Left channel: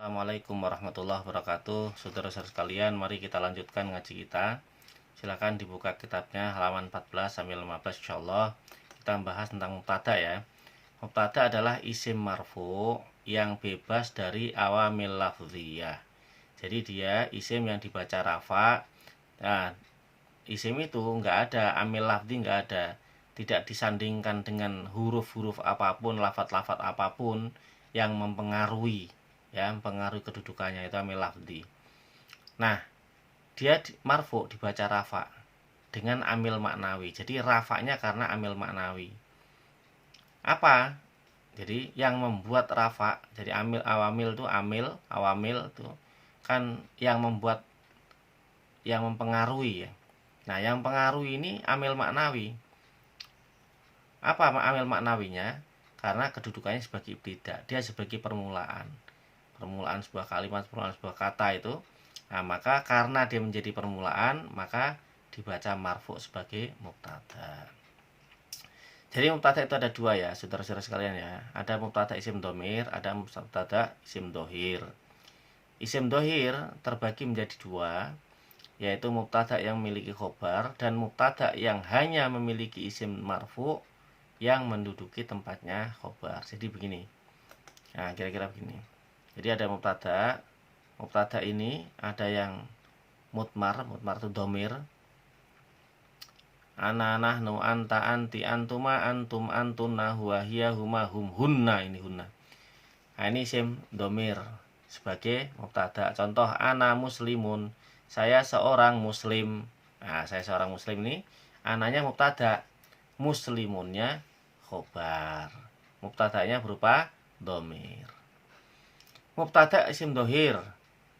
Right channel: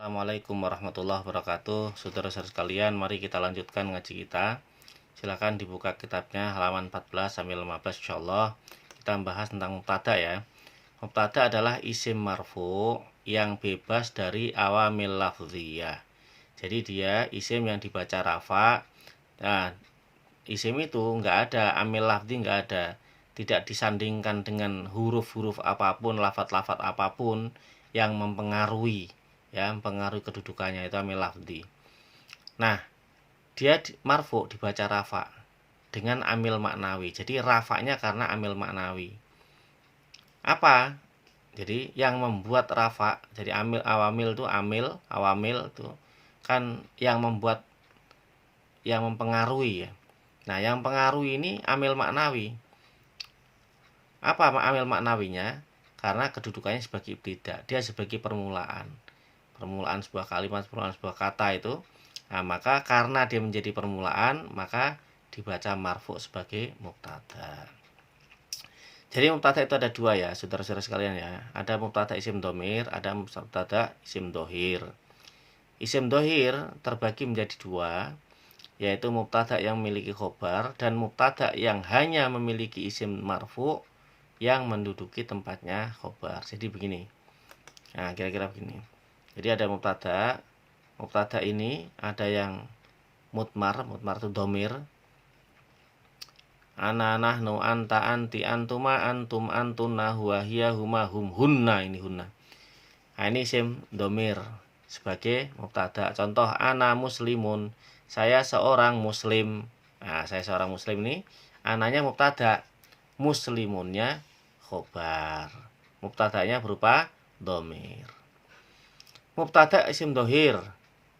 Assalamualaikum warahmatullahi wabarakatuh. Saudara-saudara sekalian, mari kita lanjutkan ngaji kita. Silakan dibuka kitabnya halaman 14 sampai 15 insyaallah. Kita membahas tentang mubtada ya. Mubtada adalah isim marfu yang bebas dari awamil lafziyah. Jadi dia isim yang dibaca rafa. Nah, isim itu enggak ada amil lafzi, enggak ada. Tidak disandingkan dengan huruf-huruf apapun, lafat-lafat apapun yang mempengaruhi kedudukannya, itu amil lafzi. Nah, dia marfu dibaca rafa dengan amil maknawi. Jadi rafanya karena amil maknawi. Apa? Jadi yang membuat rafa, jadi amil awamil itu awamil itu kan yang membuat, yang mempengaruhi ya. Nah, yang pengaruhi ini amil maknawi. Apa amil maknawinya? Karena kedudukannya sebagai ibtida, dia sebagai permulaan sebuah kalimat, permulaan sebuah kata itu. Nah, maka karena dia menjadi permulaan, maka dibaca marfu sebagai mubtada. Jadi mubtada itu ada dua ya, saudara-saudara sekalian ya. Ada mubtada isim domir, ada mubtada isim dohir. Isim dohir terbagi menjadi dua, yaitu mubtada yang memiliki khobar dan mubtada yang hanya memiliki isim marfu yang menduduki tempatnya khobar. Jadi begini. Nah, kira-kira begini. Jadi ada mubtada ini ada yang mutmar itu domir. Ana, nahnu, anta, anti, antuma, antum, antuna, huwa, hiya, huma, hum, hunna, ini hunna. Nah, ini isim domir sebagai mubtada. Contoh, ana muslimun, saya seorang muslim. Nah, saya seorang muslim ini ananya mubtada, muslimunnya khobar. Mubtadanya berupa domir. Mubtada isim dohir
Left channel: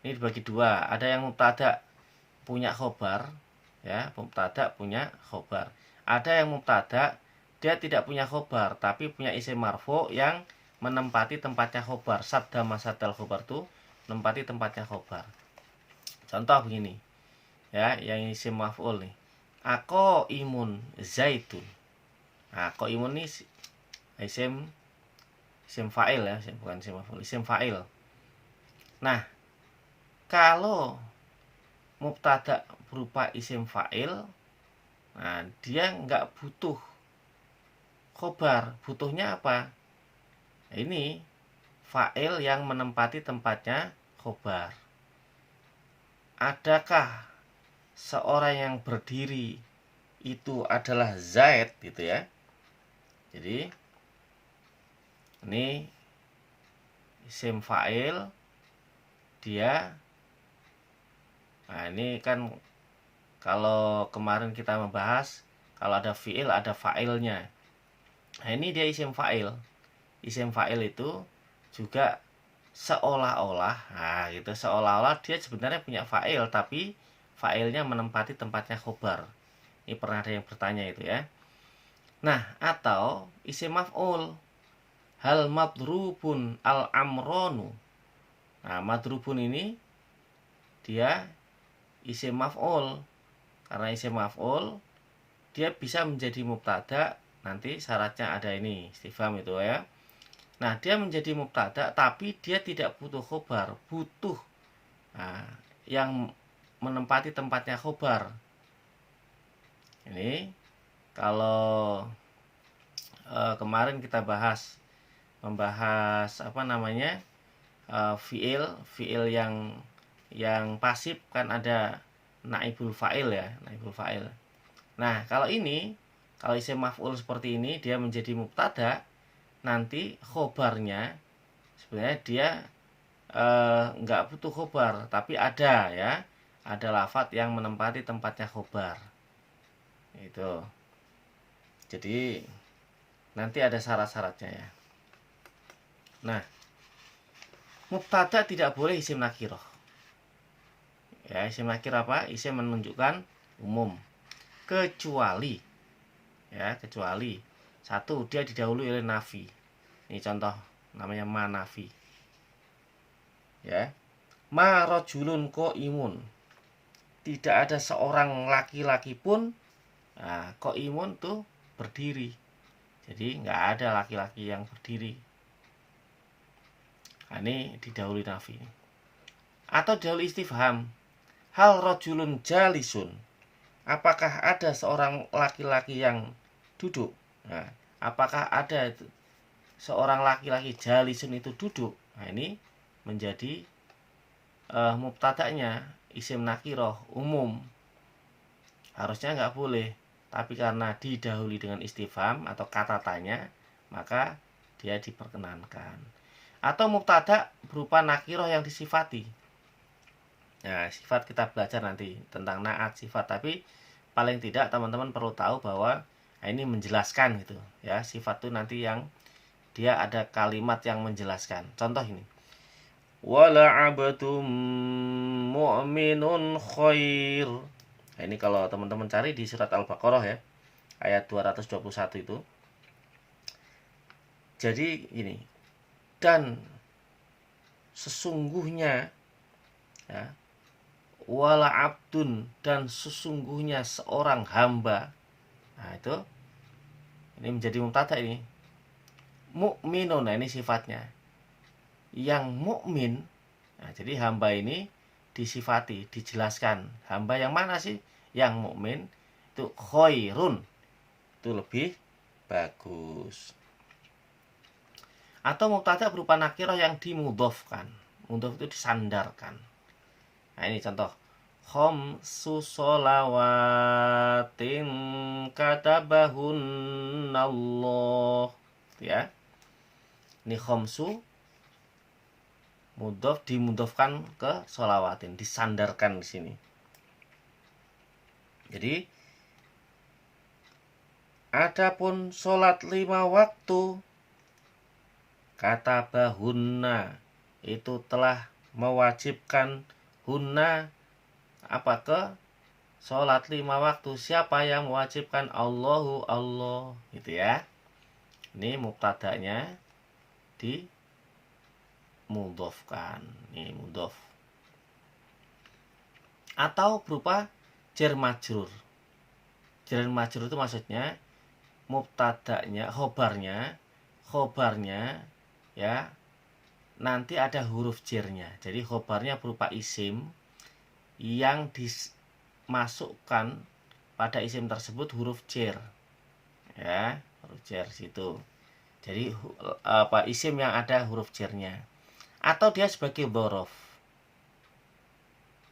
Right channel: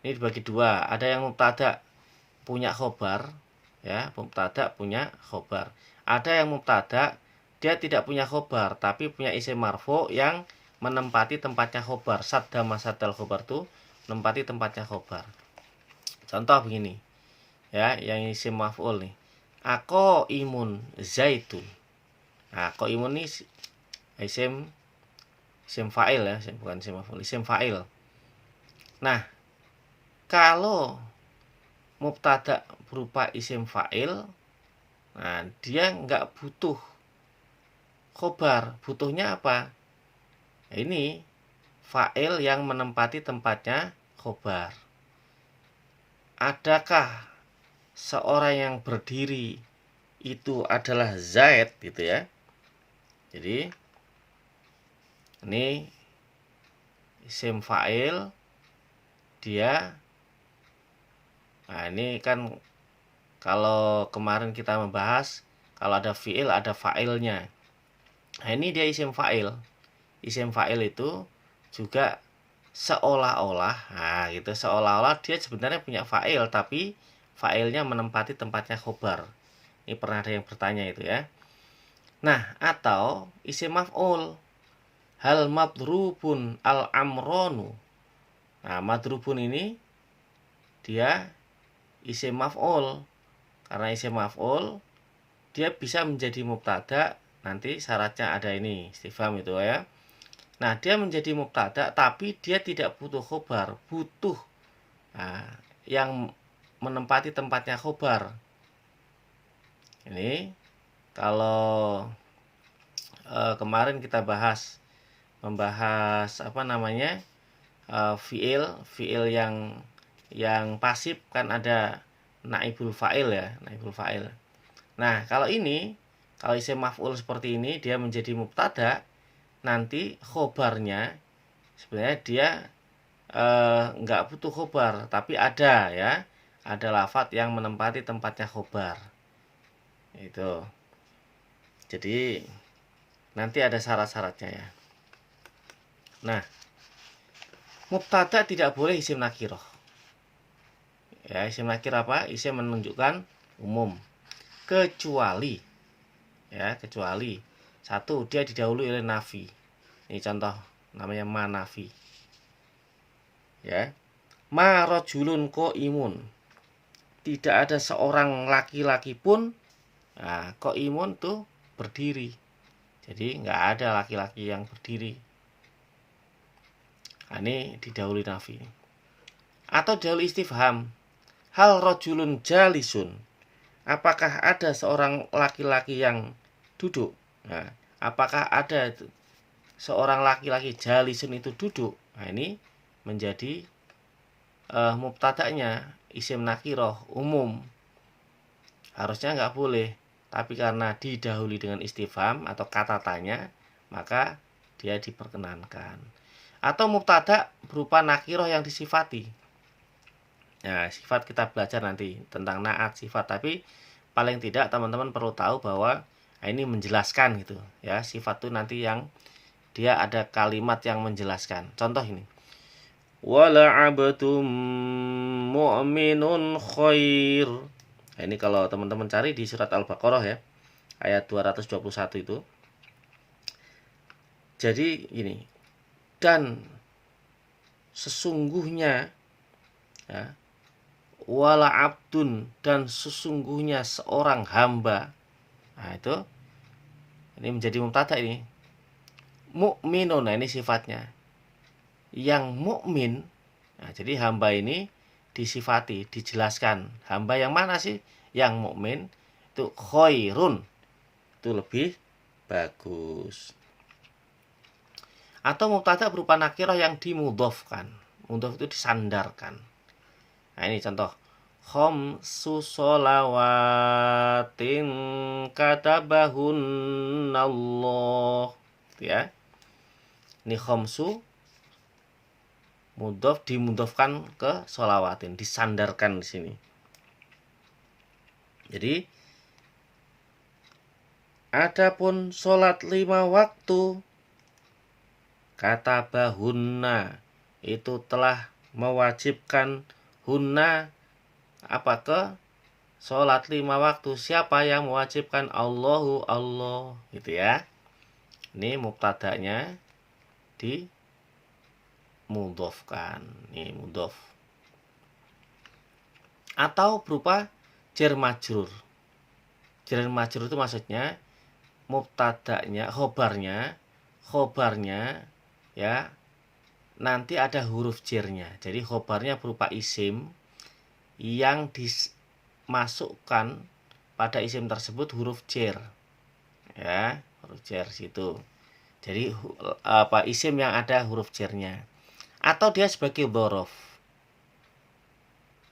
ini dibagi dua. Ada yang mubtada punya khobar ya, mubtada punya khobar. Ada yang mubtada dia tidak punya khobar tapi punya isim marfu yang menempati tempatnya khobar. Sadda masadal khobar itu menempati tempatnya khobar. Contoh begini ya, yang isim maf'ul nih, ako imun zaitun. Nah, ako imun ini isim fa'il ya, bukan isim maf'ul, isim fa'il. Nah, kalau mubtada berupa isim fa'il, nah dia nggak butuh khobar. Butuhnya apa? Ini fa'il yang menempati tempatnya khobar. Adakah seorang yang berdiri itu adalah Zaid gitu ya. Jadi ini isim fa'il, dia, nah ini kan kalau kemarin kita membahas kalau ada fi'il ada fa'ilnya. Nah, ini dia isim fa'il. Isim fa'il itu juga seolah-olah, nah gitu, seolah-olah dia sebenarnya punya fa'il tapi fa'ilnya menempati tempatnya khobar. Ini pernah ada yang bertanya itu ya. Nah, atau isim maf'ul, hal madrubun al amronu. Nah, madrubun ini dia isim maf'ul. Karena isim maf'ul dia bisa menjadi mubtada, nanti syaratnya ada ini istifham itu ya. Nah, dia menjadi mubtada tapi dia tidak butuh khobar, butuh yang menempati tempatnya khobar. Ini kalau kemarin kita membahas apa namanya, fiil yang pasif kan ada naibul fa'il ya, naibul fa'il. Nah, kalau isim maf'ul seperti ini dia menjadi mubtada, nanti khobarnya sebenarnya dia nggak butuh khobar tapi ada ya, ada lafadz yang menempati tempatnya khobar itu. Jadi nanti ada syarat-syaratnya ya. Nah, mubtada tidak boleh isim nakirah ya. Isim nakirah apa? Isim menunjukkan umum, kecuali satu, dia didahului oleh nafi. Ini contoh namanya manafi ya. Ma rajulun qaimun, tidak ada seorang laki-laki pun. Nah, qaimun tuh berdiri, jadi nggak ada laki-laki yang berdiri. Nah, ini didahului nafi. Atau didahului istifham. Hal rajulun jalisun. Apakah ada seorang laki-laki yang duduk? Nah, apakah ada seorang laki-laki jalisun itu duduk? Nah, ini menjadi mubtada'nya isim nakiroh umum. Harusnya nggak boleh, tapi karena didahului dengan istifham atau kata tanya, maka dia diperkenankan. Atau mubtada berupa nakiroh yang disifati. Nah, sifat kita belajar nanti tentang naat sifat, tapi paling tidak teman-teman perlu tahu bahwa ini menjelaskan gitu ya. Sifat itu nanti yang dia ada kalimat yang menjelaskan. Contoh ini. Wala abdum mu'minun khair. Nah, ini kalau teman-teman cari di surat Al-Baqarah ya, ayat 221 itu. Jadi ini, dan sesungguhnya ya, wala abdun, dan sesungguhnya seorang hamba. Nah, itu ini menjadi mubtada ini. Mukminun, nah ini sifatnya. Yang mukmin. Nah, jadi hamba ini disifati, dijelaskan. Hamba yang mana sih? Yang mukmin itu khairun. Itu lebih bagus. Atau mubtada berupa nakirah yang dimudhofkan. Mudhof itu disandarkan. Nah, ini contoh. Khamsu sholawatin katabahunallah. Ya. Ini khamsu mudhof dimudhofkan ke sholawatin, disandarkan di sini. Jadi adapun sholat 5 waktu kata bahunna itu telah mewajibkan hunna apa ke sholat 5 waktu. Siapa yang mewajibkan? Allahu Allah, gitu ya. Ini mubtada'nya dimudhofkan. Ini mudhof. Atau berupa jar majrur. Jar majrur itu maksudnya mubtada'nya, khobarnya ya nanti ada huruf jarnya. Jadi khobarnya berupa isim yang dimasukkan pada isim tersebut huruf jar. Ya, huruf jar situ. Jadi isim yang ada huruf jarnya. Atau dia sebagai dzaraf.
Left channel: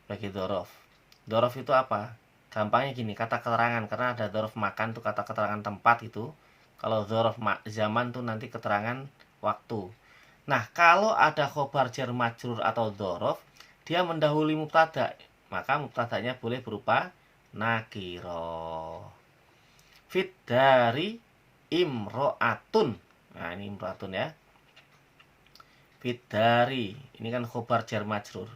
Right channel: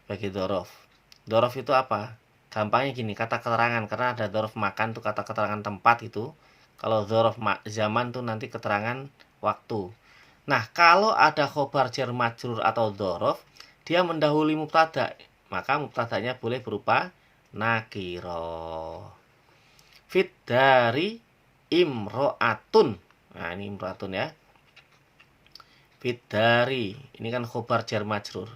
Sebagai dzaraf. Dzaraf itu apa? Gampangnya gini, kata keterangan, karena ada dzaraf makan tuh kata keterangan tempat itu. Kalau dzaraf zaman tuh nanti keterangan waktu. Nah, kalau ada khobar jar majrur atau dzaraf, dia mendahului mubtada, maka mubtadanya boleh berupa nakirah. Fit dari imro'atun. Nah, ini imro'atun ya. Fit dari, ini kan khobar jar majrur.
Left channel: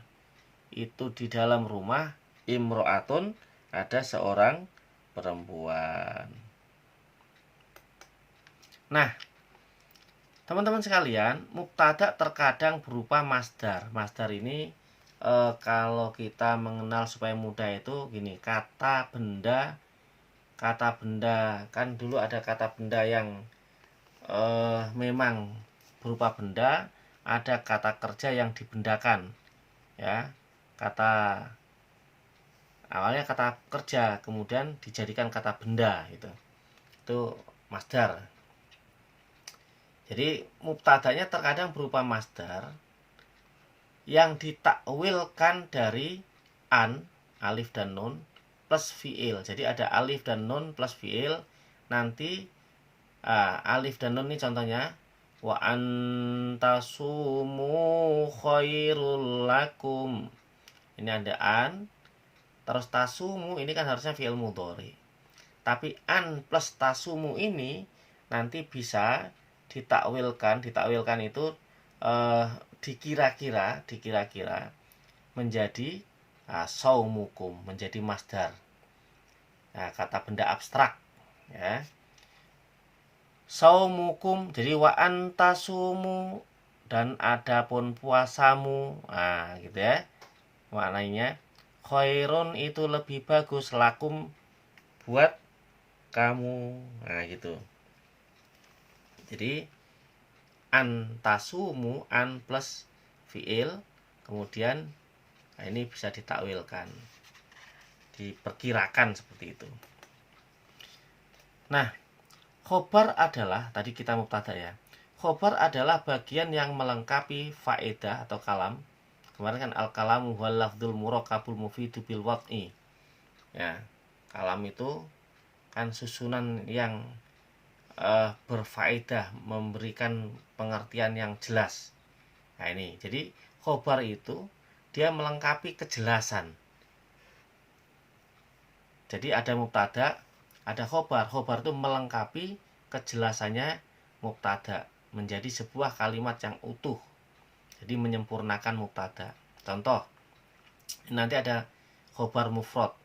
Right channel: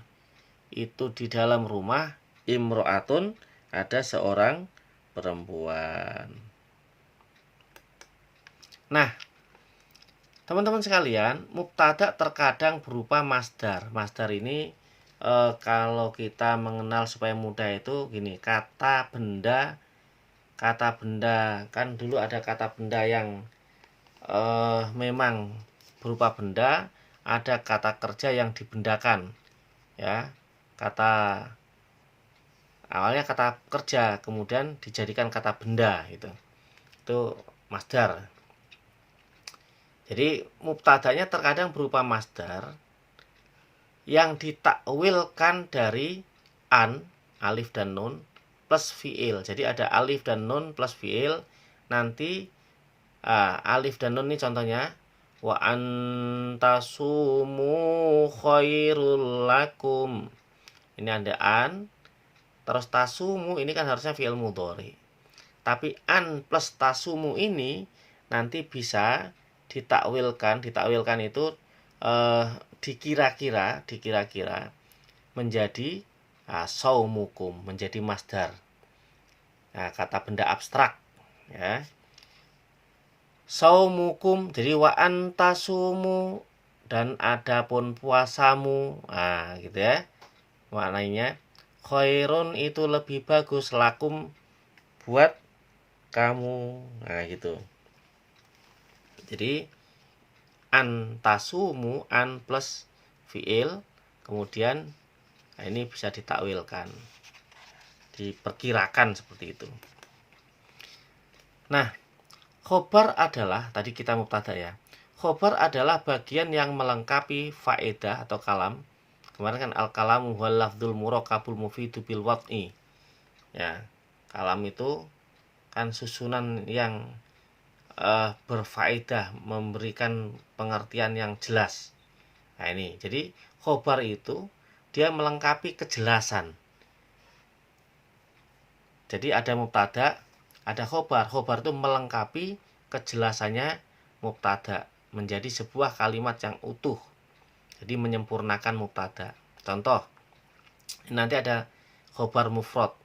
Itu di dalam rumah imro'atun ada seorang perempuan. Nah, teman-teman sekalian, mubtada terkadang berupa masdar. Masdar ini kalau kita mengenal supaya mudah itu gini, kata benda kan dulu ada kata benda yang memang berupa benda, ada kata kerja yang dibendakan ya. Kata awalnya kata kerja kemudian dijadikan kata benda gitu. Itu masdar. Jadi mubtadanya terkadang berupa masdar yang ditakwilkan dari an, alif dan nun plus fiil. Jadi ada alif dan nun plus fiil. Nanti alif dan nun ini contohnya wa antasumu khairul lakum. Ini ada an, terus tasumu ini kan harusnya fiil mudhari. Tapi an plus tasumu ini nanti bisa ditakwilkan itu dikira-kira menjadi saumukum, menjadi masdar. Nah, kata benda abstrak ya. Saumukum, jadi wa antasumu, dan adapun puasamu. Nah, gitu ya. Maknanya khairun itu lebih bagus, lakum buat kamu. Nah, gitu. Jadi antasumu, an plus fiil, kemudian ini bisa ditakwilkan, diperkirakan seperti itu. Nah, khobar adalah, tadi kita mubtada ya, khobar adalah bagian yang melengkapi faedah atau kalam. Kemarin kan al-kalamu wal lafdzul murakabul mufidu bil wad'i. Ya, kalam itu kan susunan yang berfaedah, memberikan pengertian yang jelas. Nah ini, jadi khobar itu dia melengkapi kejelasan. Jadi ada mubtada, ada khobar. Khobar itu melengkapi kejelasannya mubtada menjadi sebuah kalimat yang utuh. Jadi menyempurnakan mubtada. Contoh, nanti ada khobar mufrad,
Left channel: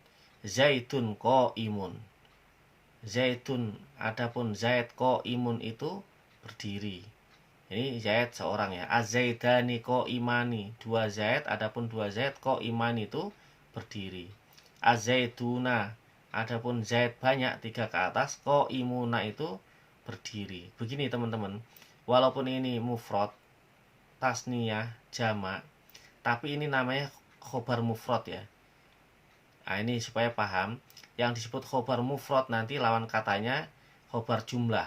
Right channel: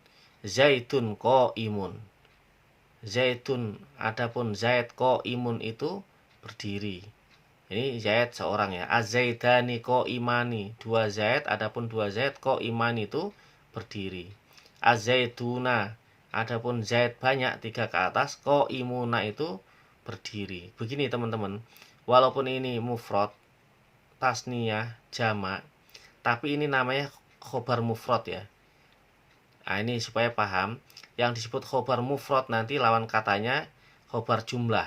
zaitun qaimun. Zaitun, adapun Zaid qaimun itu berdiri. Ini Zaid seorang ya. Az-zaidani qaimani, dua Zaid, adapun dua Zaid qaimani itu berdiri. Az-zaituna, adapun Zaid banyak, tiga ke atas, qaimuna itu berdiri. Begini teman-teman, walaupun ini mufrad, tasniyah, jamak, tapi ini namanya khobar mufrad ya. Nah ini supaya paham, yang disebut khobar mufrad nanti lawan katanya khobar jumlah,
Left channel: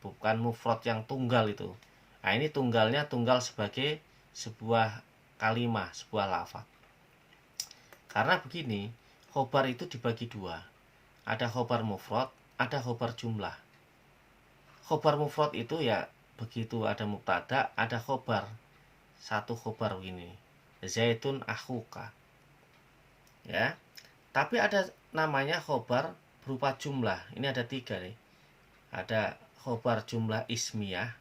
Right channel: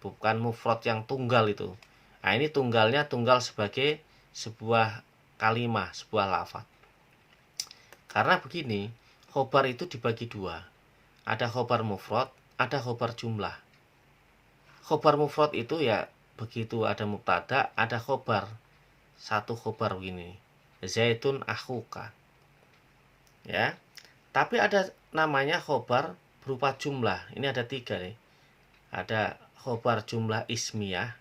bukan mufrad yang tunggal itu. Nah ini tunggalnya tunggal sebagai sebuah kalimah, sebuah lafaz. Karena begini, khobar itu dibagi dua. Ada khobar mufrad, ada khobar jumlah. Khobar mufrad itu ya begitu, ada mubtada, ada khobar. Satu khobar begini, zaitun akhuka. Ya. Tapi ada namanya khobar berupa jumlah. Ini ada tiga nih. Ada khobar jumlah ismiyah.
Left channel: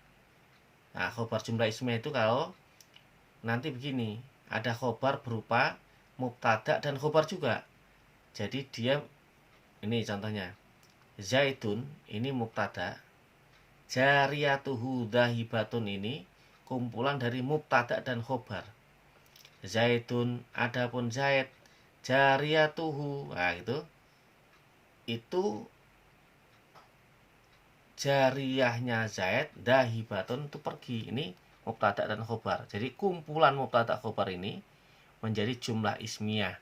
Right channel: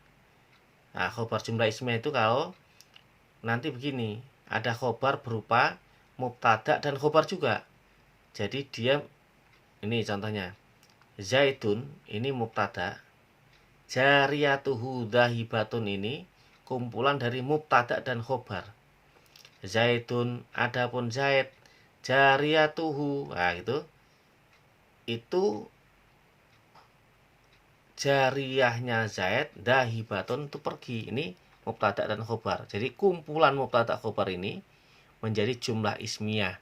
Nah, khobar jumlah ismiyah itu kalau nanti begini, ada khobar berupa mubtada dan khobar juga. Jadi dia, ini contohnya, zaitun ini mubtada, jariyatuhu dhahibatun ini kumpulan dari mubtada dan khobar. Zaitun, adapun Zaid, jariyatuhu, nah itu jariyahnya Zaid, dahibatun itu pergi. Ini mubtada dan khobar. Jadi kumpulan mubtada khobar ini menjadi jumlah ismiyah.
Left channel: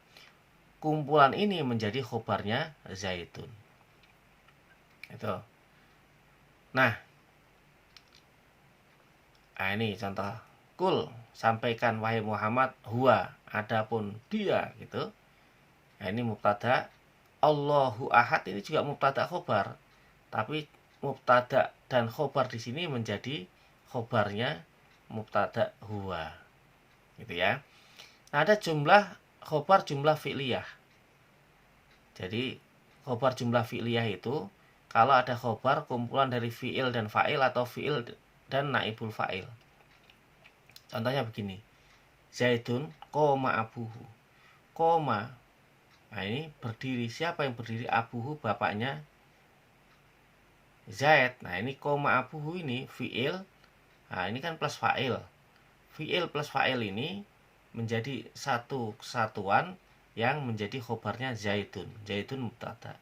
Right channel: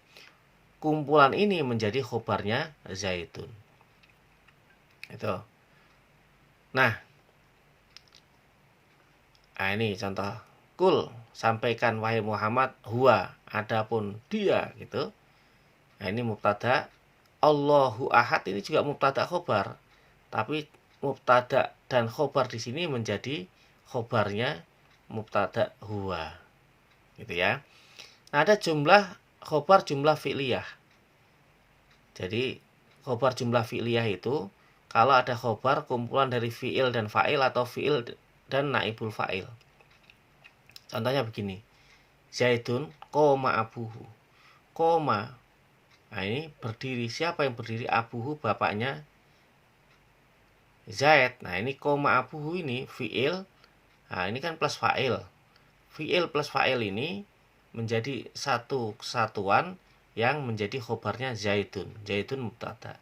Kumpulan ini menjadi khobarnya Zaitun. Itu. Nah ini contoh. Kul, sampaikan wahai Muhammad, huwa, adapun dia gitu. Nah ini mubtada. Allahu ahad ini juga mubtada khobar. Tapi mubtada dan khobar di sini menjadi khobarnya mubtada huwa. Gitu ya. Nah, ada jumlah khobar jumlah fi'liyah. Jadi khobar jumlah fi'liyah itu kalau ada khobar kumpulan dari fi'il dan fa'il atau fi'il dan naibul fa'il. Contohnya begini. Zaidun qoma abuhu. Qoma. Nah ini berdiri. Siapa yang berdiri? Abuhu, bapaknya Zaid. Nah ini koma abuhu ini fi'il. Nah ini kan plus fa'il. Fi'il plus fa'il ini menjadi satu kesatuan yang menjadi khobarnya Zaidun. Zaidun mubtada.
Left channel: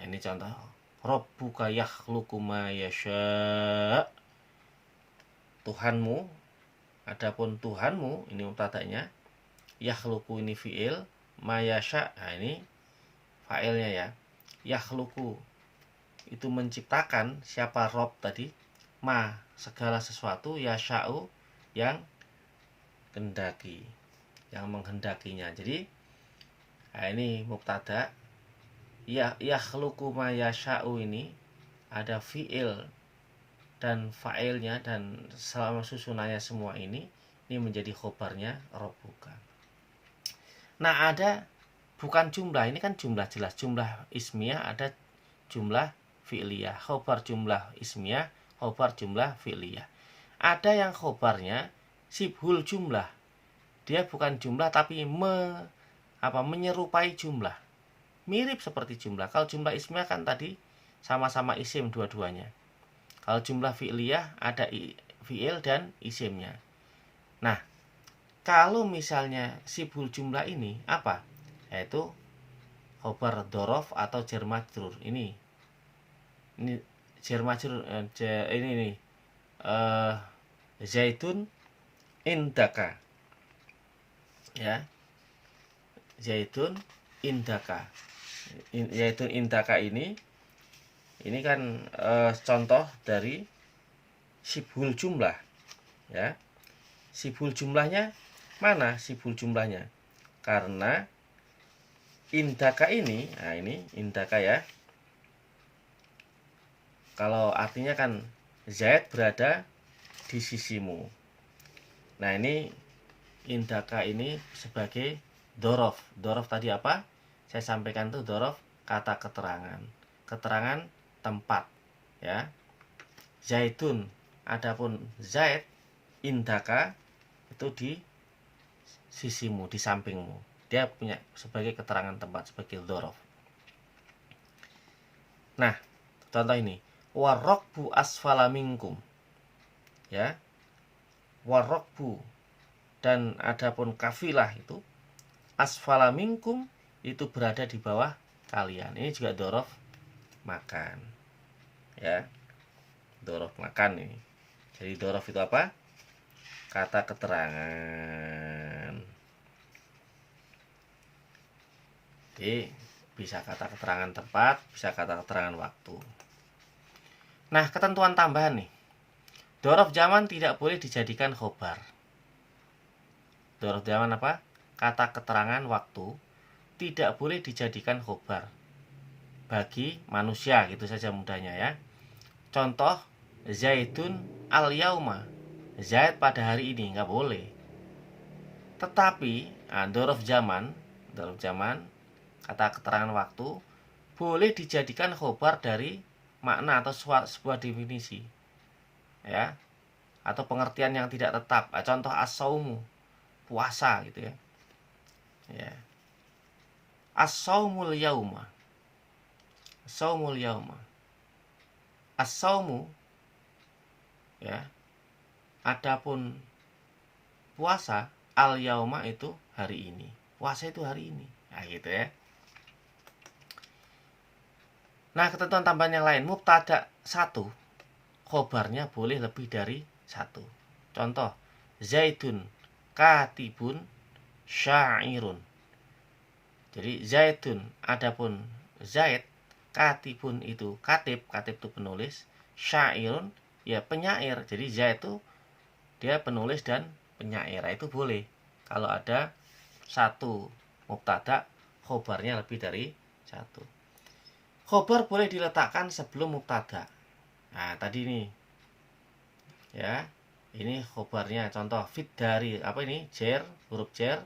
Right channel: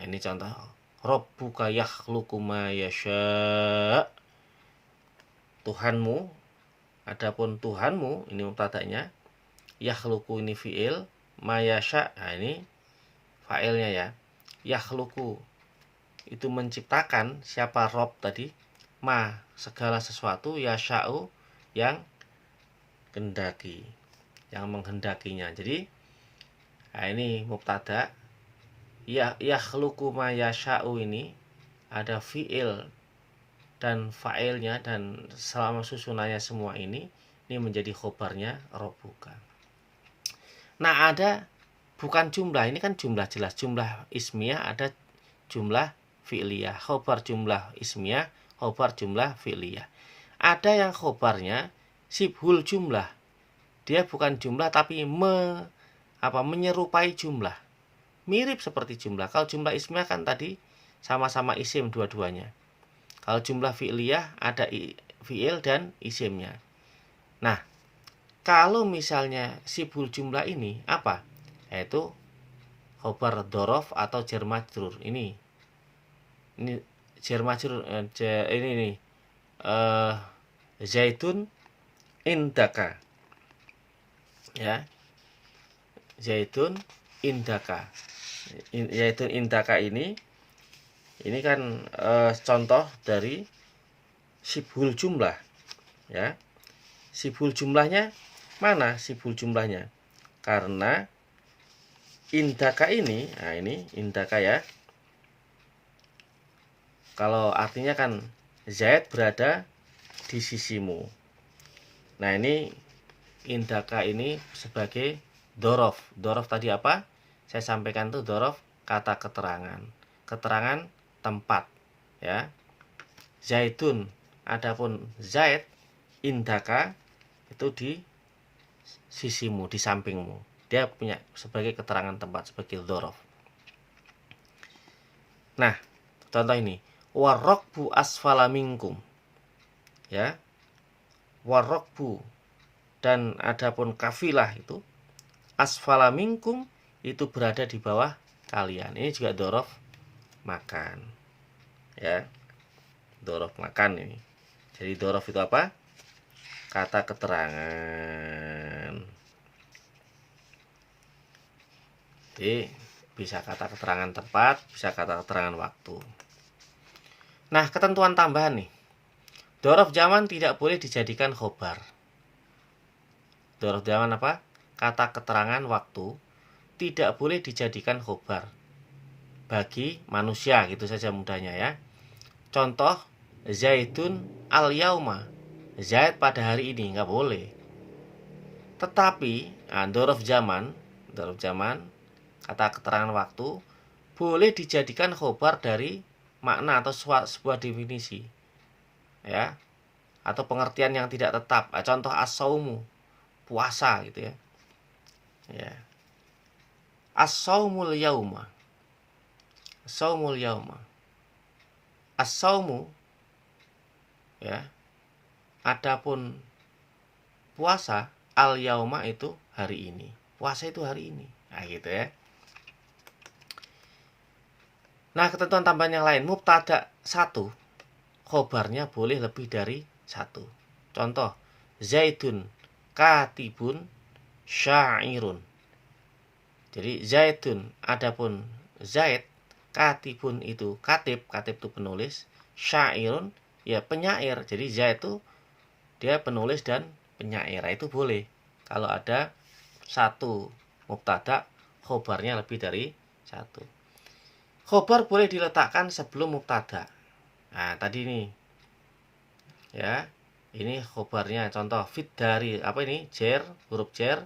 Nah ini contoh. Rabbuka yakhluqu ma yasha. Tuhanmu, adapun Tuhanmu ini mubtadanya. Yakhluqu ini fi'il. Ma yasha. Nah ini fa'ilnya ya. Yakhluqu itu menciptakan, siapa Rob tadi, ma segala sesuatu, yasha'u yang kendaki, yang menghendakinya. Jadi nah ini mubtada, ya yakhluqu ma yasha'u ini ada fi'il dan fa'ilnya, dan selama susunannya semua ini menjadi khobarnya Rabbuka. Nah ada bukan jumlah, ini kan jumlah jelas, jumlah ismiyah, ada jumlah fi'liyah, khobar jumlah ismiyah, khobar jumlah fi'liyah. Ada yang khobarnya sibhul jumlah, dia bukan jumlah tapi menyerupai jumlah, mirip seperti jumlah. Kalau jumlah ismiyah kan tadi sama-sama isim dua-duanya. Kalau jumlah fi'liyah ada fi'il dan isimnya. Nah kalau misalnya sibhul jumlah ini apa? Yaitu khobar dhorof atau jar majrur. Ini jar majrur, ini Zaitun indaka. Ya. Zaidun indaka. Zaidun indaka ini kan contoh dari sibhul jumlah, ya. Sibhul jumlahnya mana sibhul jumlahnya? Karena indaka ini, nah ini indaka ya. Kalau artinya kan Zaid berada di sisimu. Nah ini indaka ini sebagai dorof. Dorof tadi apa? Saya sampaikan tuh dorof kata keterangan. Keterangan tempat, ya. Zaidun, adapun Zaid indaka itu di sisimu, di sampingmu. Dia punya sebagai keterangan tempat, sebagai dorof. Nah, contoh ini, warokbu asfala minkum, ya. Warokbu, dan adapun kafilah itu asfala minkum itu berada di bawah kalian. Ini juga dorof makan, ya. Dorof makan ini. Jadi dorof itu apa? Kata keterangan. Jadi bisa kata keterangan tempat, bisa kata keterangan waktu. Nah, ketentuan tambahan nih. Dorof zaman tidak boleh dijadikan khobar. Dorof zaman apa? Kata keterangan waktu tidak boleh dijadikan khobar bagi manusia, gitu saja mudahnya ya. Contoh, Zaidun al-yauma. Zaid pada hari ini, nggak boleh. Tetapi dorof zaman kata keterangan waktu boleh dijadikan khobar dari makna atau sebuah definisi, ya, atau pengertian yang tidak tetap. Contoh as-saumu, puasa gitu ya. Ya. As-saumul yauma. Saumul yauma. As-saumu, ya. Adapun puasa, al-yauma itu hari ini. Puasa itu hari ini. Nah, gitu ya. Nah, ketentuan tambahan yang lain, mubtada 1, khobarnya boleh lebih dari 1. Contoh, Zaidun katibun syairun. Jadi Zaidun, adapun Zaid, katibun itu katib itu penulis, syairun ya penyair. Jadi Zaid itu dia penulis dan penyair. Itu boleh kalau ada 1 mubtada, khobarnya lebih dari 1. Khobar boleh diletakkan sebelum mubtada. Nah, tadi ini, ya, ini khobarnya. Contoh, fit dari apa ini? Jer, huruf jer.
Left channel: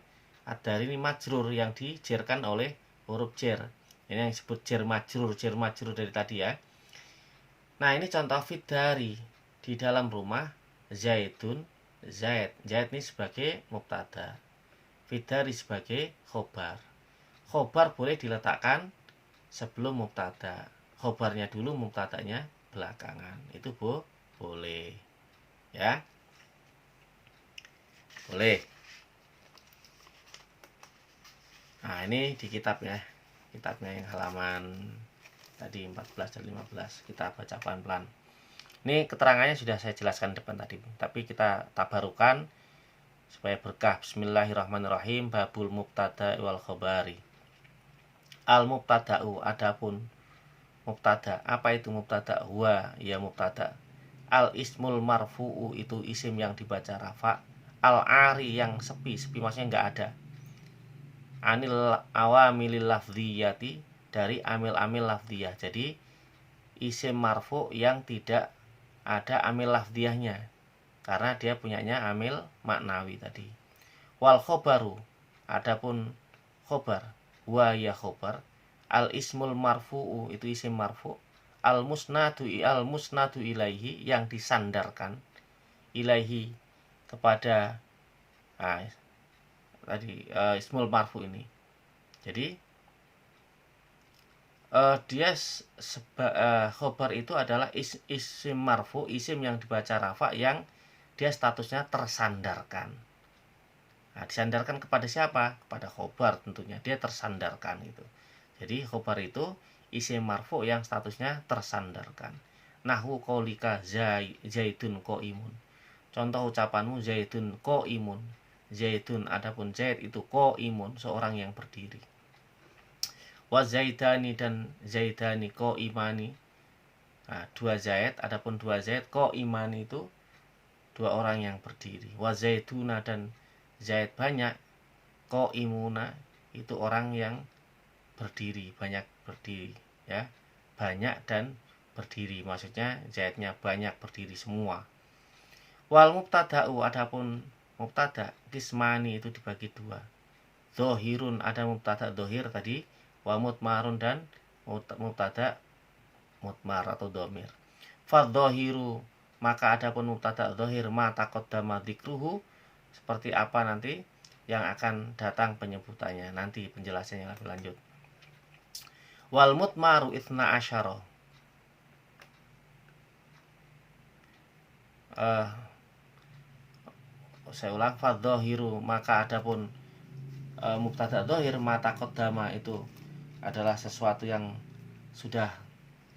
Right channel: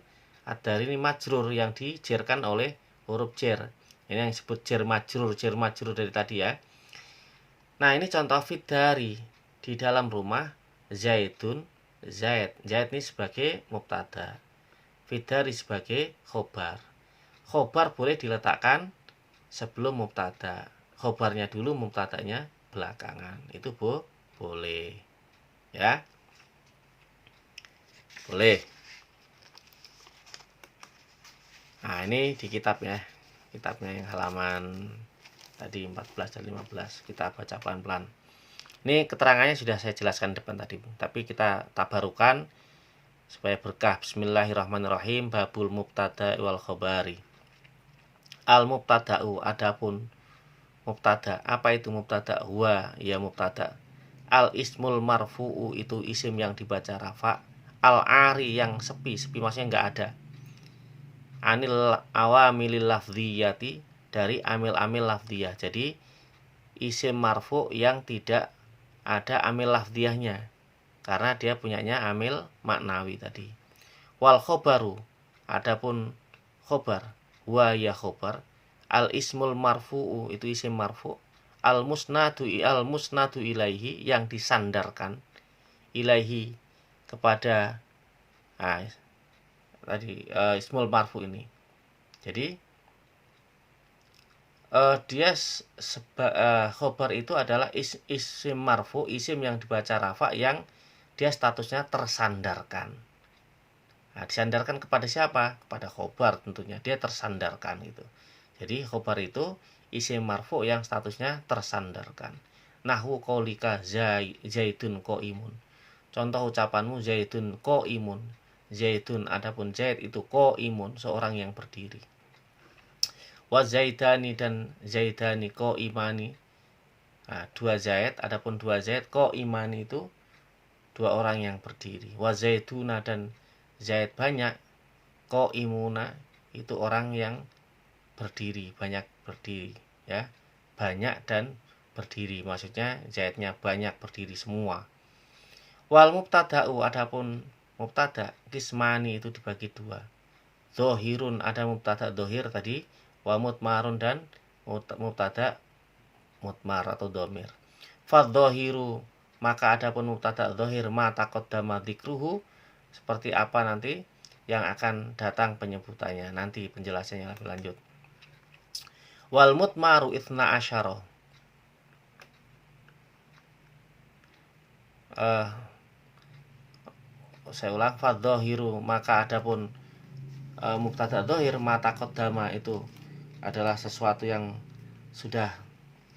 Dari ini majrur yang dijerkan oleh huruf jer. Ini yang disebut jer majrur dari tadi ya. Nah, ini contoh fit dari di dalam rumah Zaidun, Zaid. Zaid ini sebagai mubtada. Fit dari sebagai khobar. Khobar boleh diletakkan sebelum mubtada. Khobarnya dulu, mubtadanya belakangan. Itu boleh. Ya. Boleh. Nah, ini di kitabnya. Kitabnya yang halaman tadi 14 dan 15. Kita baca pelan-pelan. Ini keterangannya sudah saya jelaskan depan tadi, tapi kita tabarukan supaya berkah. Bismillahirrahmanirrahim. Babul mubtada wal khabari. Al mubtada'u, adapun mubtada. Apa itu mubtada? Huwa, ya mubtada. Al ismul marfu'u, itu isim yang dibaca rafa. Al ari, yang sepi maksudnya nggak ada. Anil awamilil lafdhiyati, dari amil-amil lafdhiyah. Jadi isim marfu yang tidak ada amil lafdhiyahnya, karena dia punyanya amil maknawi tadi. Wal khobaru, adapun khobar, wa ya khobar. Al ismul marfu'u, itu isim marfu'. Al musnadu ilaihi, yang disandarkan, ilaihi, kepada tadi ismul marfu ini. Jadi dia khobar itu adalah isim marfu, isim yang dibaca rafa, yang dia statusnya tersandarkan. Nah, disandarkan kepada siapa? Kepada khobar tentunya. Dia tersandarkan itu. Jadi khobar itu isim marfu yang statusnya tersandarkan. Nahwu qaulika Zaidun qaimun. Contoh ucapanmu Zaidun qaimun. Zaidun, adapun Zaid itu qaimun, seorang yang berdiri. Wa Zaidani dan Zaidani qaimani. Nah, dua Zaid, adapun dua Zaid qaimani itu dua orang yang berdiri. Wa Zaiduna dan Zaid banyak, qaimuna itu orang yang berdiri, banyak berdiri, ya. Banyak dan berdiri, maksudnya Zaidnya banyak berdiri semua. Wal mubtada'u, adapun mubtada kismani itu dibagi dua. Zohirun, ada mubtada zohir tadi, wa mutmarun dan mubtada mutmar atau domir. Fadzohiru, maka adapun mubtada zohir ma taqaddama dzikruhu, seperti apa nanti yang akan datang penyebutannya, nanti penjelasannya lebih lanjut. Wal mutmaru itsna asyara. Saya ulang, fadzohiru, maka adapun mubtada dzohir ma taqaddama itu adalah sesuatu yang sudah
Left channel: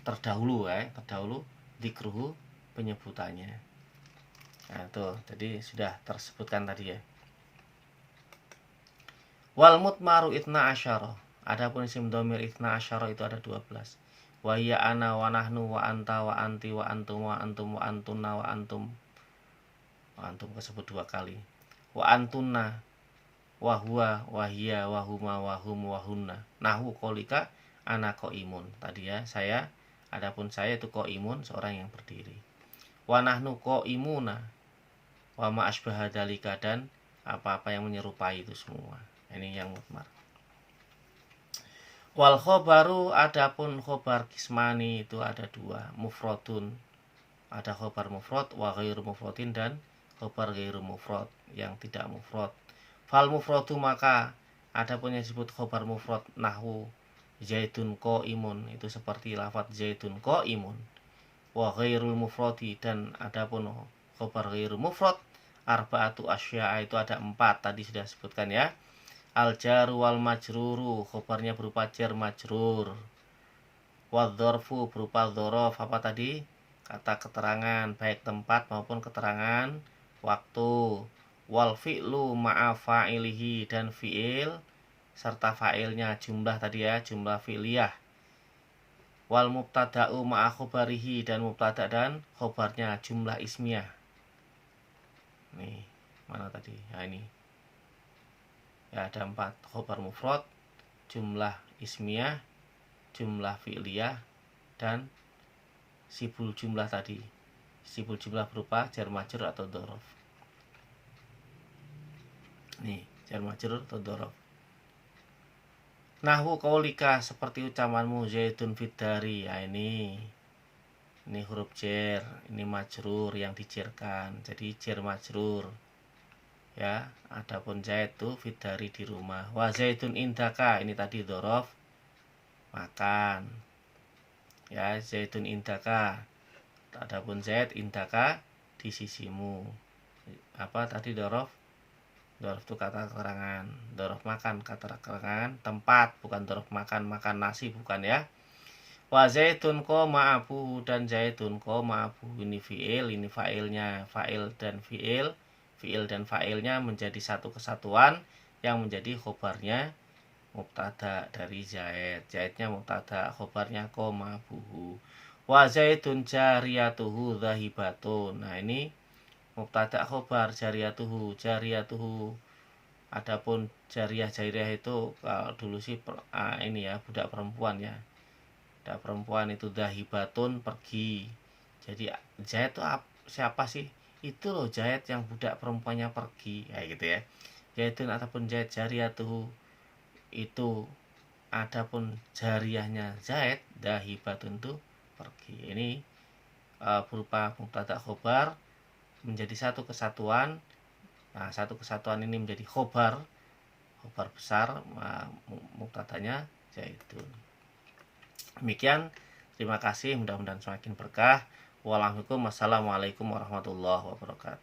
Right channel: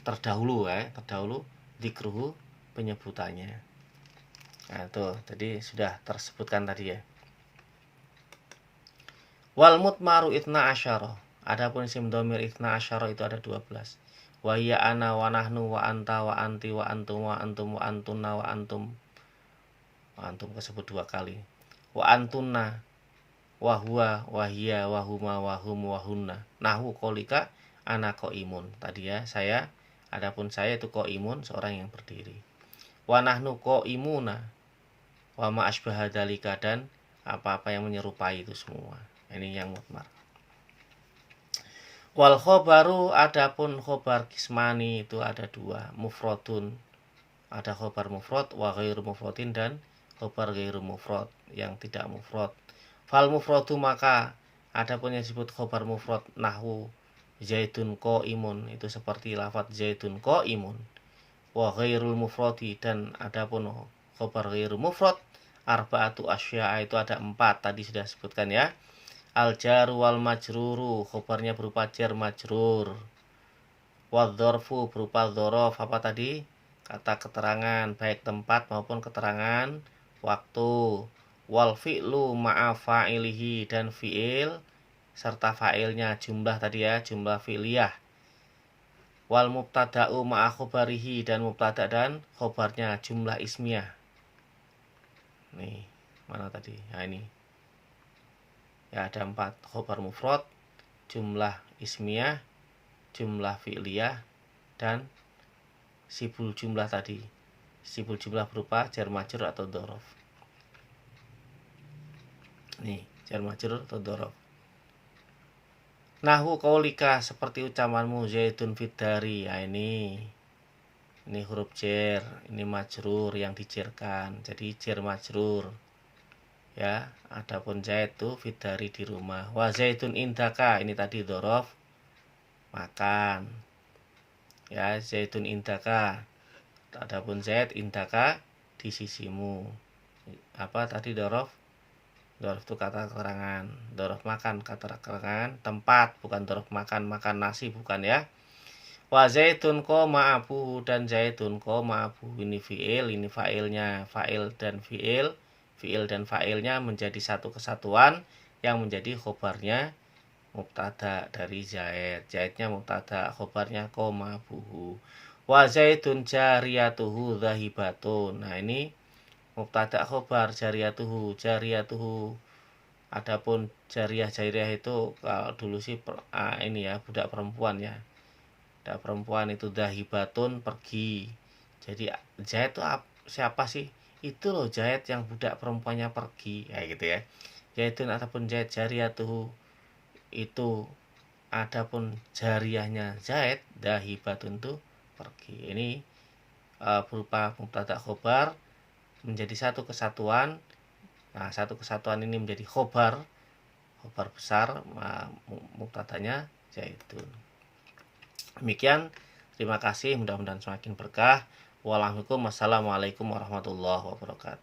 terdahulu, terdahulu dzikruhu, penyebutannya. Nah, itu tadi sudah tersebutkan tadi ya. Wal mutmaru itsna asyara, adapun isim dhamir itsna asyara itu ada 12. Wa hiya ana wa nahnu wa anta wa anti wa antum wa antum wa antunna wa antum. Wa antum tersebut dua kali. Wa antunna wa huwa wa hiya wa huma wa hum wa hunna. Nahwu qaulika ana qaimun. Tadi ya, saya, adapun saya itu qaimun, seorang yang berdiri. Wa nahnu qaimuna wa ma asbaha dzalika, dan apa-apa yang menyerupai itu semua. Ini yang mutmar. Wal khobaru, adapun khobar kismani itu ada dua, mufradun, ada khobar mufrad, wa ghairu mufradin, dan khobar ghairu mufrad yang tidak mufrad. Fal mufradu, maka adapun yang disebut khobar mufrad nahwu Zaidun qaimun, itu seperti lafaz Zaidun qaimun. Wa ghairul mufradi, dan adapun khobar ghairu mufrad arba'atu asya'a, itu ada 4, tadi sudah sebutkan ya. Al jaru wal majruru, khobarnya berupa jar majrur. Wal dzarfu berupa dzaraf, apa tadi? Kata keterangan, baik tempat maupun keterangan waktu. Wal fi'lu ma'a fa'ilihi, dan fi'il serta fa'ilnya, jumlah tadi ya, jumlah fi'liyah. Wal mubtada'u ma'a khobarihi, dan mubtada dan khobarnya, jumlah ismiyah. Nih, mana tadi? Nah, ini. Ya, ada 4, khobar mufrad, jumlah ismiyah, jumlah fi'liyah, dan sibul jumlah tadi. Sibul jumlah berupa jar majrur atau dzaraf. Nih, jar majrur atau dzaraf. Nahwu qaulika, seperti ucapanmu Zaidun fiddari. Ya, ini huruf jar, ini majrur yang dijarkan. Jadi jar majrur. Ya, adapun Zaid itu fiddari, di rumah. Wa Zaidun indaka, ini tadi dzaraf, makan. Ya, Zaidun indaka. Adapun Zaid indaka, di sisimu. Apa tadi dzaraf? Dzaraf itu kata keterangan. Dzaraf makan, kata keterangan tempat, bukan dzaraf makan nasi, bukan ya. Wa Zaidun qama abuhu, dan Zaidun qama abuhu, ini fi'il, ini fa'ilnya. Fa'il dan fi'il dan fa'ilnya menjadi satu kesatuan yang menjadi khobarnya mubtada dari Zaid. Zaidnya mubtada, khobarnya qama abuhu. Wa Zaidun jariyatuhu dhahibatun. Nah, ini mubtada khobar jariyatuhu. Adapun jariyah itu kalau dulu sih ini ya, budak perempuan ya. Budak perempuan itu dhahibatun, pergi. Jadi Zaid itu siapa sih? Itu loh Zaid yang budak perempuannya pergi, kayak gitu ya. Zaidun ataupun Zaid jariyatuhu, itu adapun jariyahnya Zaid dhahibatun itu pergi. Ini berupa mubtada khobar menjadi satu kesatuan. Nah, satu kesatuan ini menjadi khobar besar, mubtadanya Zaidun. Demikian, terima kasih, mudah-mudahan semakin berkah. Wassalamualaikum warahmatullahi wabarakatuh.